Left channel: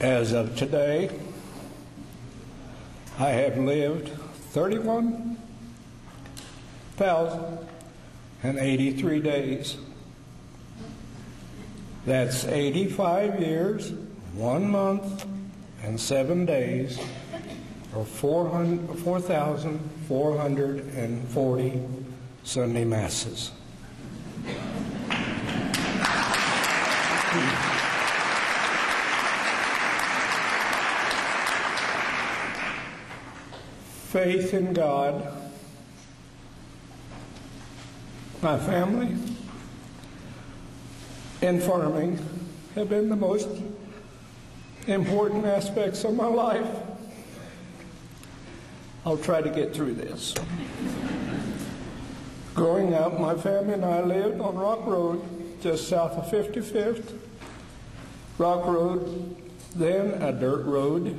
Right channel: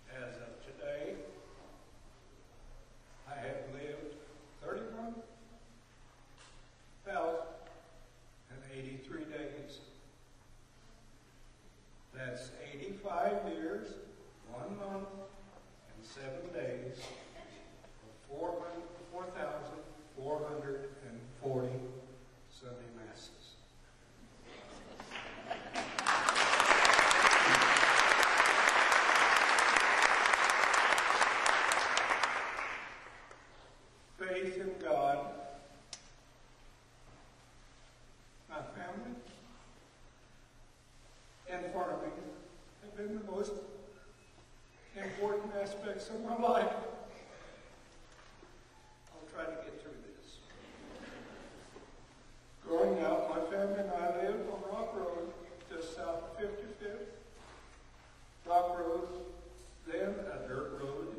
As of today, I have lived 31,083 days. That's 85 years, 1 month, and 7 days, or 4,440 Sunday Masses. Faith in God, my family, and farming have been the most important aspects of my life. I'll try to get through this. Growing up, my family and I lived on Rock Road, just south of 55th. Rock Road, then a dirt road.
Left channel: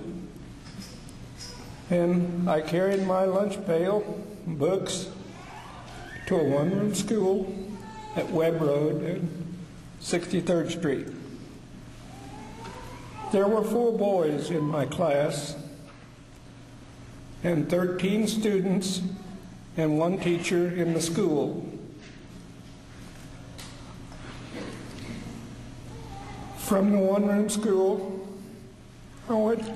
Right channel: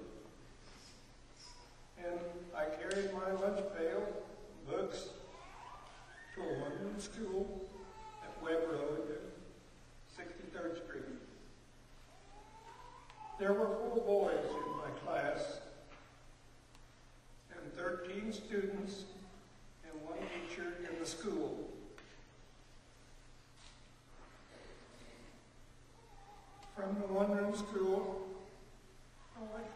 And I carried my lunch pail, books, to a one-room school at Webb Road and 63rd Street. There were 4 boys in my class and 13 students and 1 teacher in the school. From the one-room school, I went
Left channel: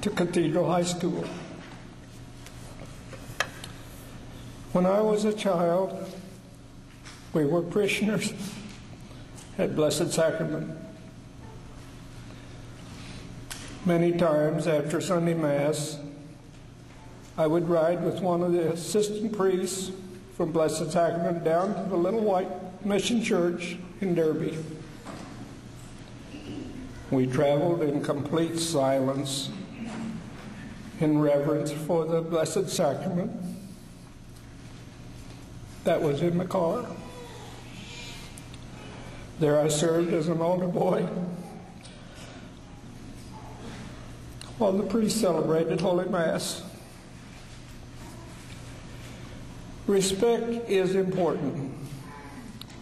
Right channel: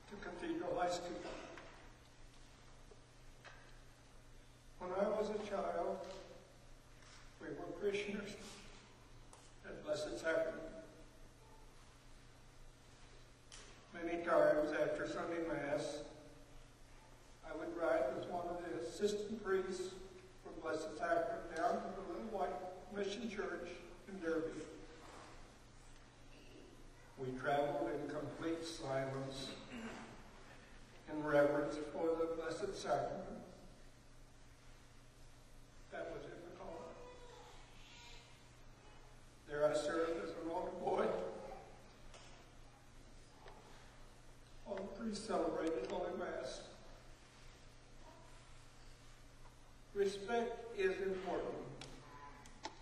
to Cathedral High School. When I was a child, we were parishioners at Blessed Sacrament. Many times after Sunday Mass, I would ride with one of the assistant priests from Blessed Sacrament down to the Little White Mission Church in Derby. We traveled in complete silence, in reverence for the Blessed Sacrament that was in the car. There I served as an altar boy while the priest celebrated Holy Mass. Respect is important.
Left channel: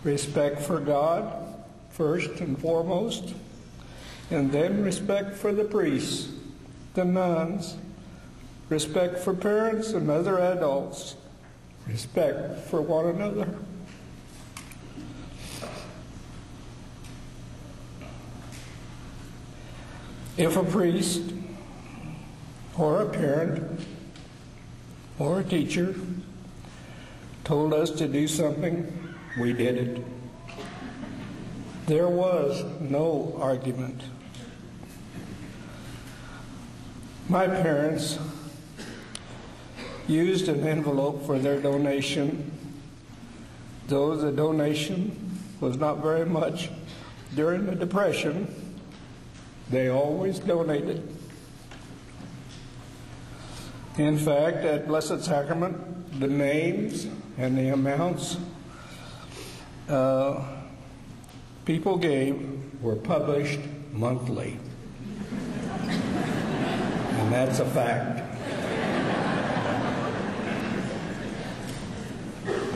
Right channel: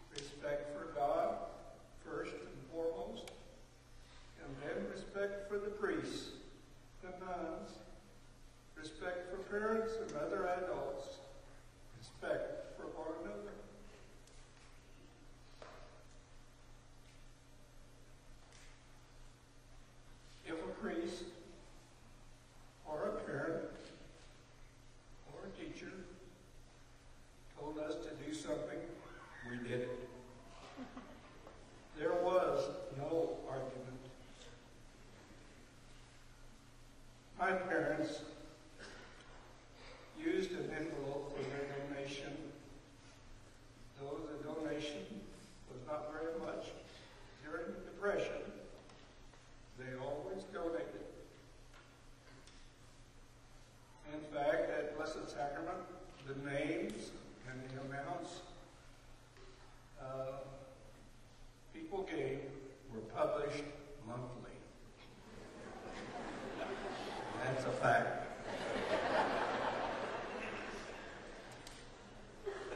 Respect for God, first and foremost, and then respect for the priests, the nuns, respect for parents and other adults, respect for one another. If a priest or a parent or a teacher told us to do something, we did it. There was no argument. My parents used an envelope for their donation, though the donation was not very much. During the Depression, they always donated. In fact, at Blessed Sacrament, the names and the amounts people gave were published monthly. And that's a fact.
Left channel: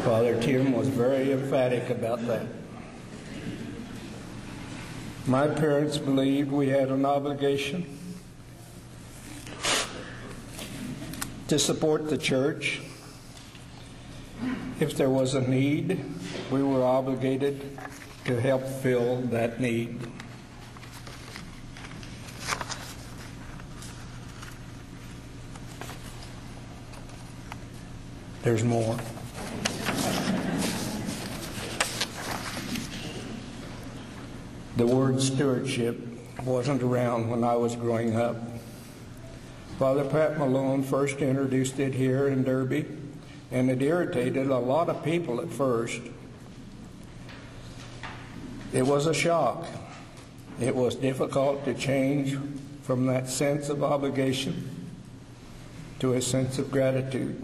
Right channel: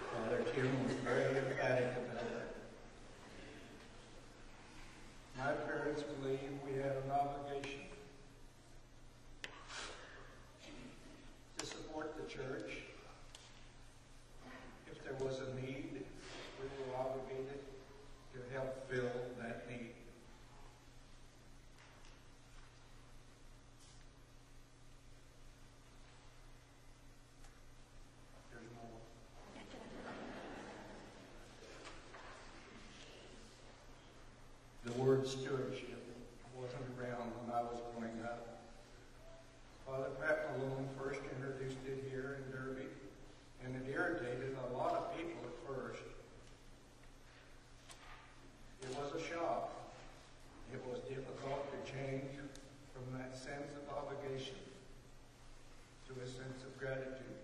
Father Tim was very emphatic about that. My parents believed we had an obligation to support the church. If there was a need, we were obligated to help fill that need. There's more. The word stewardship wasn't around when I was growing up. Father Pat Malone first introduced it here in Derby, and it irritated a lot of people at first. It was a shock. It was difficult to change from that sense of obligation to a sense of gratitude.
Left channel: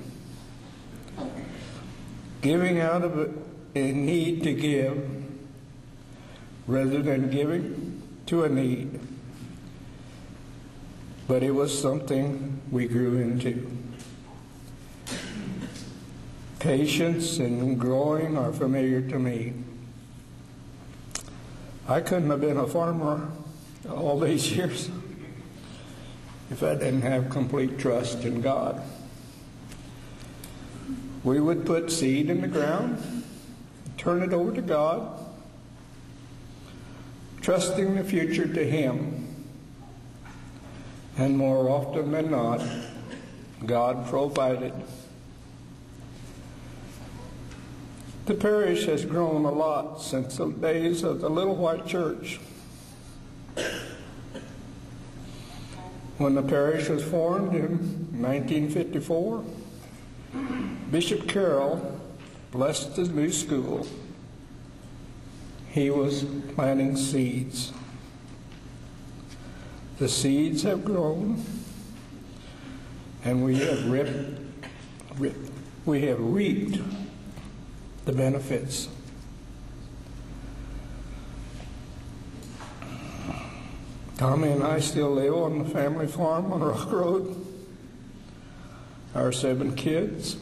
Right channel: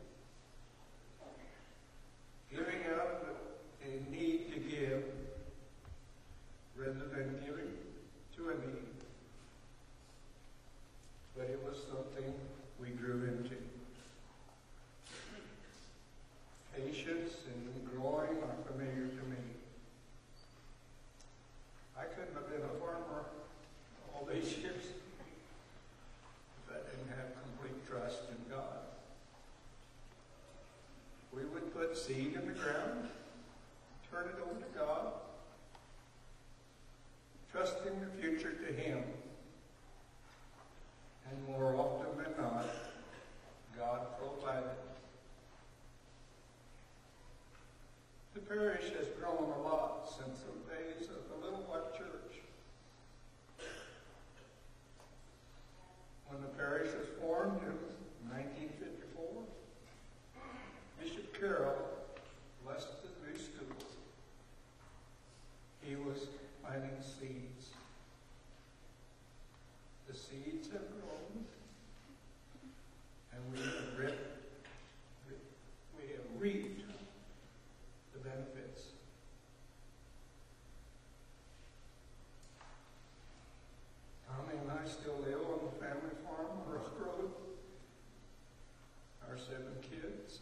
Giving out of a need to give rather than giving to a need. But it was something we grew into. Patience and growing are familiar to me. I couldn't have been a farmer all these years if I didn't have complete trust in God. We would put seed in the ground, turn it over to God, trusting the future to Him. And more often than not, God provided. The parish has grown a lot since the days of the Little White Church. When the parish was formed in 1954, Bishop Carroll blessed the new school. He was planting seeds. The seeds have grown, and we have reaped the benefits. Tommy and I still live on the family farm on Rock Road. Our 7 kids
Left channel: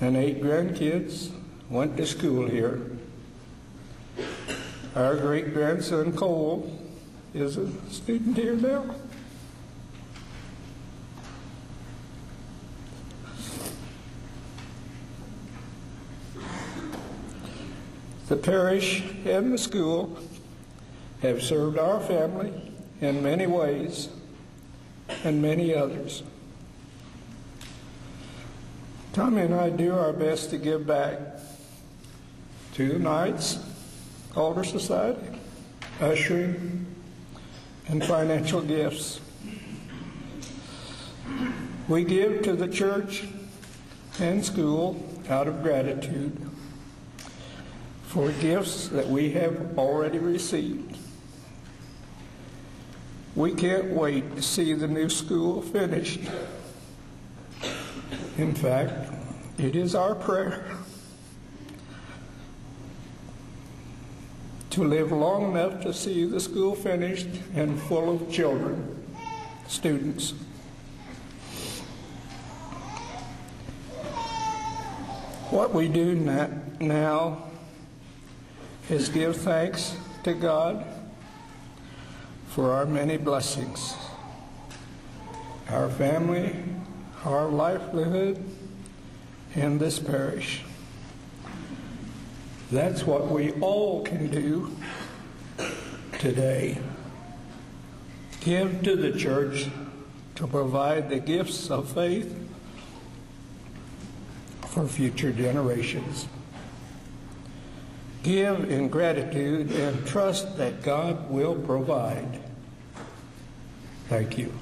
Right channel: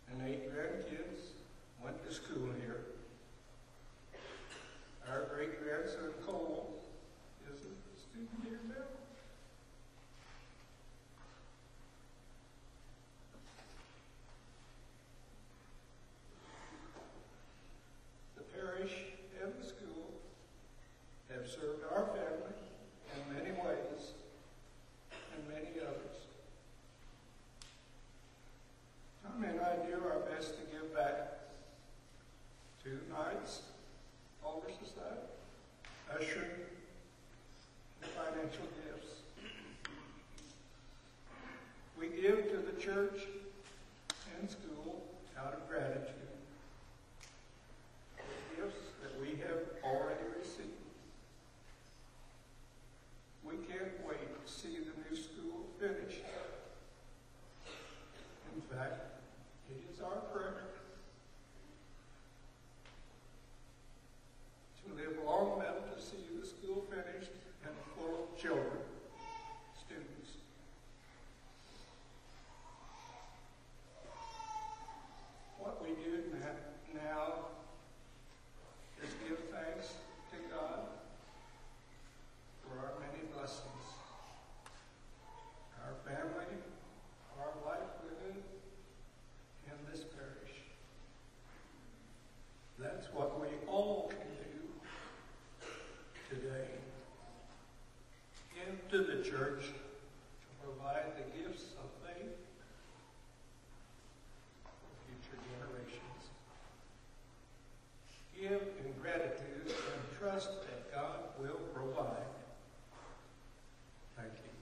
and 8 grandkids went to school here. Our great-grandson Cole is a student here now. The parish and the school have served our family in many ways and many others. Tommy and I do our best to give back to the Knights, Alder Society, ushering, and financial gifts. We give to the church and school out of gratitude for gifts that we have already received. We can't wait to see the new school finished. In fact, it is our prayer to live long enough to see the school finished and full of children, students. What we do now is give thanks to God for our many blessings, our family, our livelihood in this parish. That's what we all can do today. Give to the church to provide the gifts of faith for future generations. Give in gratitude and trust that God will provide. Thank you.